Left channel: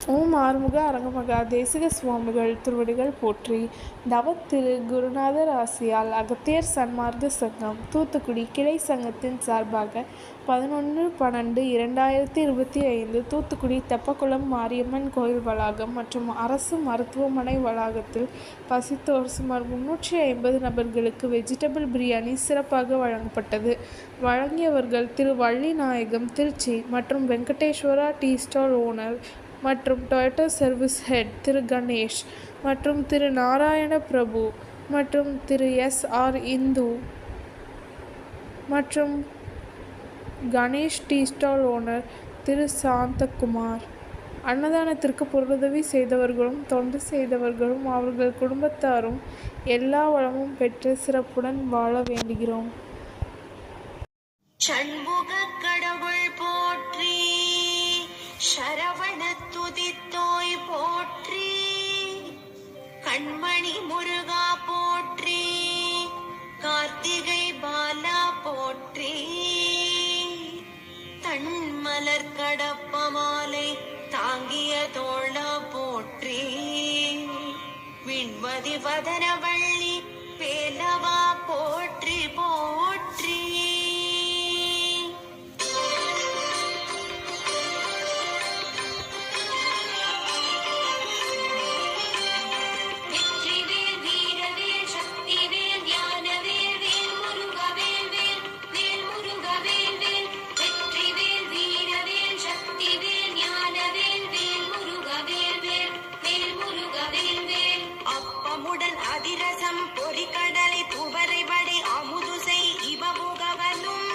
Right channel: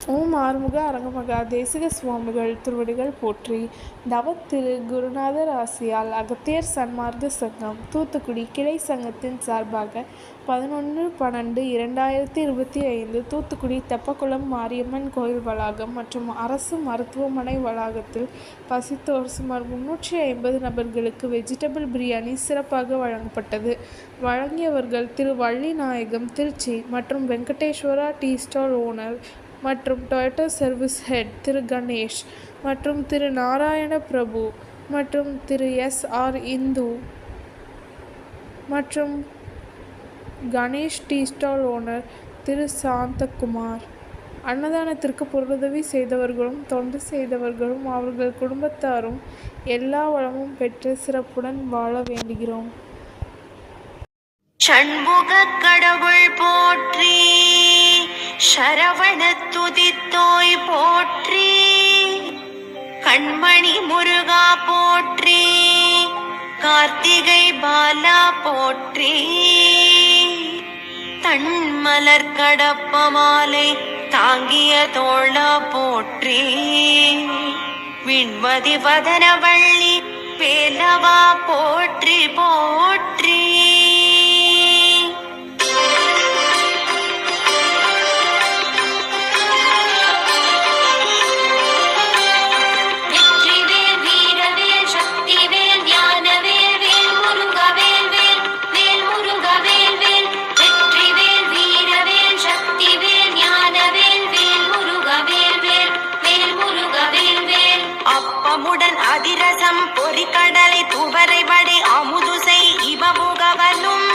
ஓம் ஆறுமுக அரங்கமகா தேசிக சுவாமிகள் திருவடிகள் போற்றி. தவத்திரு குருநாதர் ஆசியால் அகத்தியர் சன்மார்க்க சங்கம் தூத்துக்குடி கிளை சங்கத்தின் சார்பாக 11/12/2025 தூத்துக்குடி தெப்பக்குளம் மாரியம்மன் கோயில் வளாகம் மற்றும் அரசு மருத்துவமனை வளாகத்தில் பசித்தோர் சுமார் 350 நபர்களுக்கு வெஜிடபிள் பிரியாணி சிறப்பாக வழங்கப்பட்டது. வழங்கியவர்கள் திரு வள்ளிநாயகம் திருச்சி மற்றும் வெங்கடேஸ்வரா டீ ஸ்டால் ஓனர் மற்றும் டொயோட்டா சர்வீஸ் ஹெட் திரு கணேஷ் மற்றும் திரு நாராயண பிரபு மற்றும் திரு எஸ்.ஆர். இந்து மற்றும் கணேஷ் டீ ஸ்டால் ஓனர் திரு சாந்தகுமார். அன்னதானத்திற்கு பொருளுதவி செய்தவர்களும் தொண்டு செய்தவர்களும் அவர்கள் குடும்பத்தாரும் எல்லா வளமும் பெற்று சிறப்புடன் வாழ வேண்டுகிறோம். ஷண்முக கடவுள் போற்றி, சரவண துதித்தோய் போற்றி, கண்மணி முருகா போற்றி, கார்த்திகை பாலா போற்றி, தன்மலர் கடப்ப மாலை தாங்கிய தோளா போற்றி, விண்மதி வதனவள்ளி வேலவா போற்றி போற்றி. அதிரசம் பொறிக்கடலை துவரை வடை அமுதுசை இவமுகவனும்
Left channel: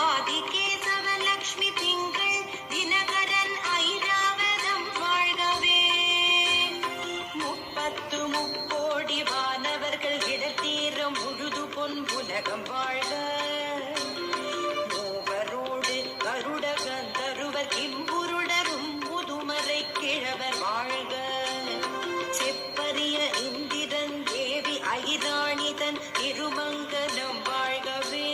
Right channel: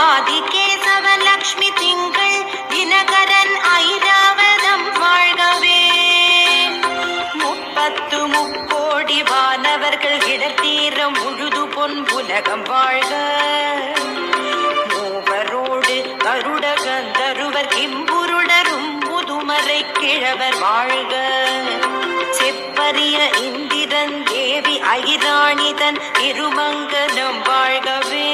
ஆதிகேசவன் லக்ஷ்மி திங்கள் தினகரன் ஐராவதம் வாழ்கவே. 30 முக்கோடி வானவர்கள் இடத்தீர முழுது பொன் உலகம் வாழ்க. மூவரோடு கருட கந்தருவர் கிம்புருடரும் முதுமறை கிழவர் வாழ்க. செப்பரிய இந்திரன் தேவி ஐராணிதன் திருமங்கலம் வாழ்கவே.